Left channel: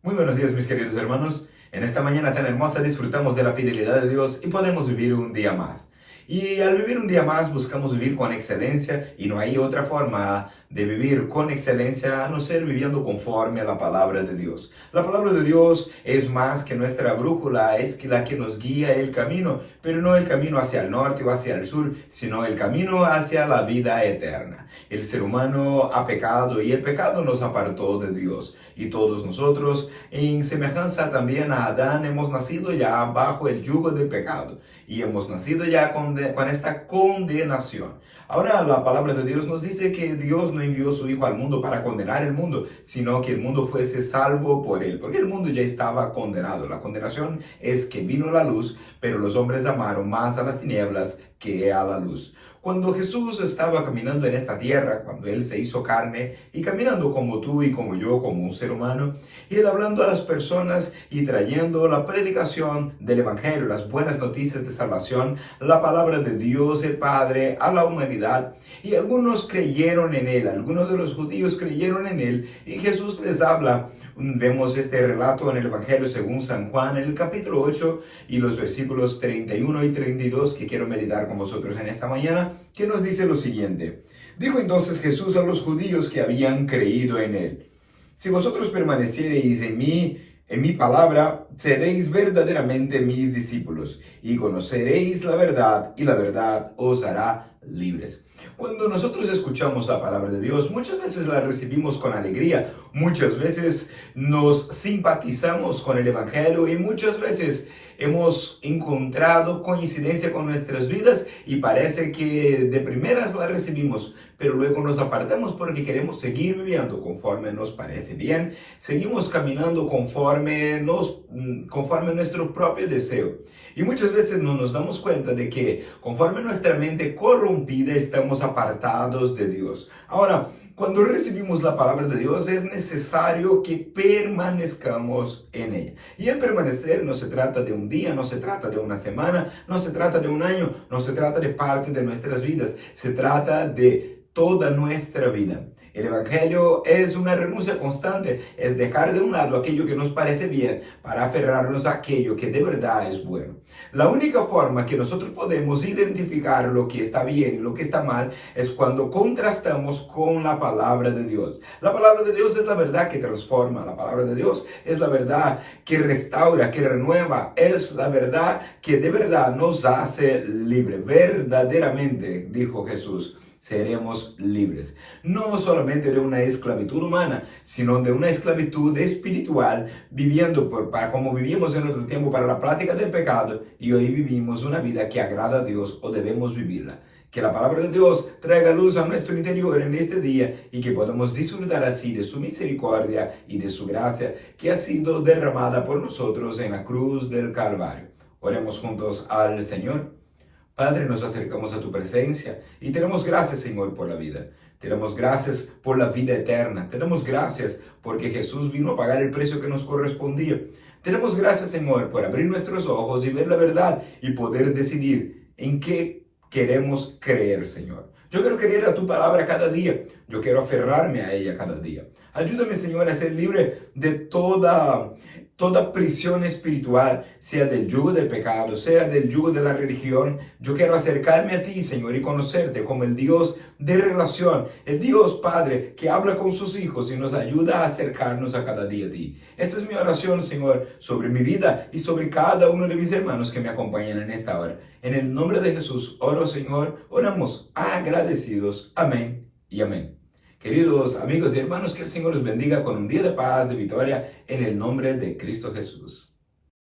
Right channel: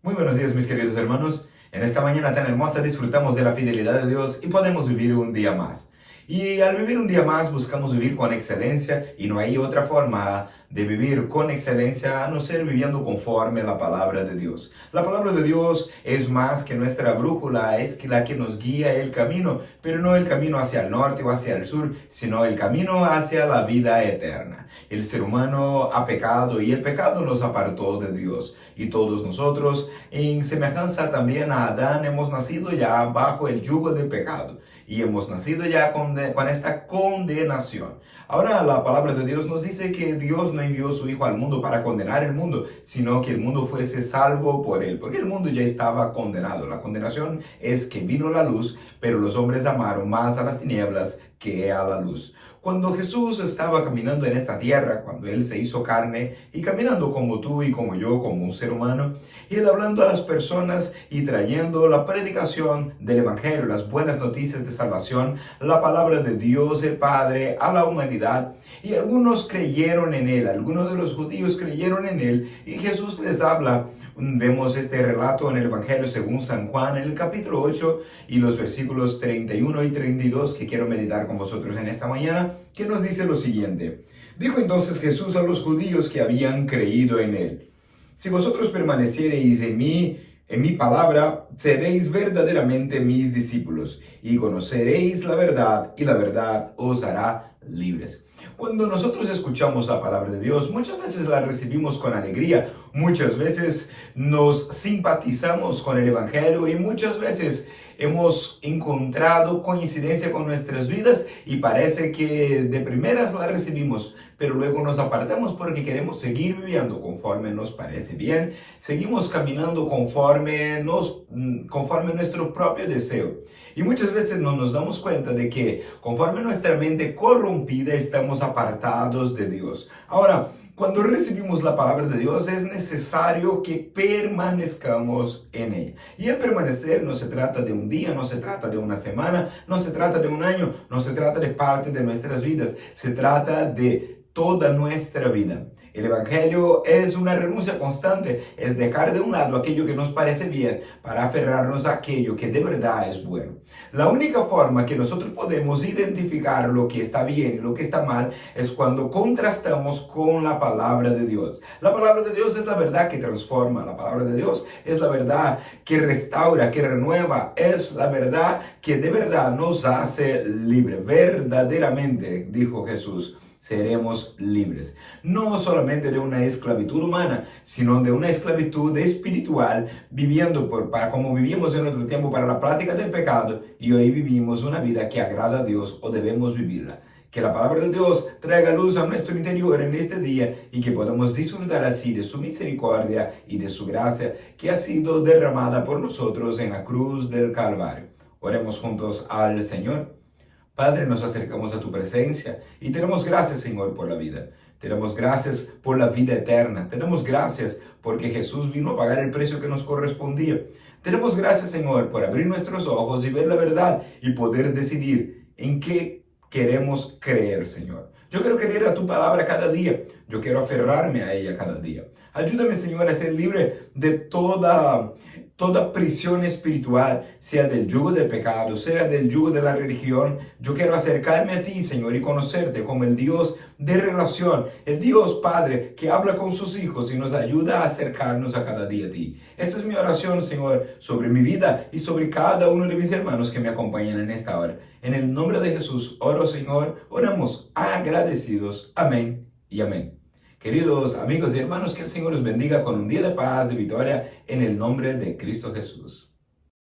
Muy buenos días, mis queridos hermanos. En esta mañana tan hermosa disfrutamos de la fidelidad de Dios y podemos vivir un día más. Y al vivir un día más buscamos vivir con excelencia y no hay otra forma de vivir con excelencia a no ser viviendo conforme a la palabra de Dios. La palabra de Dios es más que nuestra brújula, es que la que nos guía el camino, pero no el camino hacia el norte o hacia el sur, sino el camino hacia la vida eterna. El ser humano ha pecado y el pecado nos apartó de Dios. Y todos nosotros, en semejanza también a Adán, hemos nacido ya bajo el yugo del pecado y hemos nacido ya con esta condenación. Ahora la palabra de Dios nos dice que Dios no envió a su Hijo al mundo para condenar el mundo, sino que el mundo fuese salvo por él, porque el mundo ya estaba condenado. La condenación es que vino la luz, pero los hombres amaron más a las tinieblas que a la luz. Cuando Jesús estaba caminando en esta tierra, cuando Él se hizo carne y caminando como tú y como yo, como un ser humano, Él hablando a las personas y trayendo la predicación del Evangelio, las buenas noticias de salvación, la palabra de Dios el Padre a la humanidad. Y algunos creyeron en Él, algunos de los judíos creyeron en Él y Jesús les habla. Vemos este relato en el Evangelio según San Juan en el capítulo 8 y los versículos 31 y 32 que quiero meditar con vosotros en esta mañana, que nos dice lo siguiente. Dijo entonces Jesús a los judíos que habían creído en él: si vosotros permaneciereis en mi palabra, seréis verdaderamente mis discípulos y conoceréis la verdad y la verdad os hará libres. Cuando nosotros escuchamos la palabra de Dios, muchas veces la recibimos con alegría, muchas veces nos simpatizamos con el Evangelio y muchas veces hemos encontrado coincidencia con nuestras vidas y parece que de primeras la recibimos, pero luego nos apartamos porque queremos seguir viviendo conforme nos parece bien, seguimos caminando conforme nuestro propio deseo. Y muchas veces no nos damos cuenta de que conforme nuestra mente corrompida estamos apartados de Dios. Ahora, cuando recibimos la palabra de Dios es necesario que permanezcamos en ella. Y el permanecer no se trata de un día, no se trata de una semana, no se trata de un año, no se trata de parte de nuestras vidas, se trata de toda nuestra vida. El Evangelio es una renuncia constante, es dejar de un lado aquello que nos parece bien para aferrarnos a aquello que de verdad es bueno. La única forma que nosotros podemos identificar lo que está bien y lo que está mal es cuando contrastamos con la palabra de Dios. La palabra de Dios es la verdad que transforma, la palabra de Dios es la verdad que restaura, que renueva, es la verdad que de verdad nos hace libres. Verdaderamente, dijo Jesús, seremos libres. No solamente de una esclavitud humana, sino de una esclavitud espiritual, viviendo como vivíamos en otro tiempo para la práctica del pecado, y hoy vivimos una vida que agrada a Dios o debemos vivirla. Que la palabra de Dios traiga luz a nuestro interior en este día y que podamos disfrutar así de su misericordia y de su gracia que ha sido derramada por nosotros en la cruz del Calvario. Oremos juntos al Señor. Padre, nos acercamos a tu presencia y te damos gracias, Señor, por la vida. Te damos gracias por la vida eterna. Te damos gracias porque Jesús vino a pagar el precio que nos correspondía. Te damos gracias, Señor, por abrir nuestros ojos y ver la verdad y poder decidir en qué queremos creer, Señor. Yo quiero creer a tu palabra cada día. Yo quiero aferrarme a ella cada día. Ayúdame, Señor, a ser libre de toda prisión espiritual, sea del yugo del pecado, sea del yugo de la religión. Yo quiero acercarme a ti, Señor, y conocerte como el Dios de relación, el Dios Padre que habla con sus hijos y nos ayuda a acercarnos a cada día a ti. Esa es mi oración, Señor, sobre mi vida y sobre cada uno de mis hermanos que me acompañan en esta hora. En el nombre de Jesús, oro, Señor, oramos agradecidos. Amén y amén. Queridos amigos y hermanos, que el Señor los bendiga con un día de paz, de victoria, en el nombre de Cristo Jesús.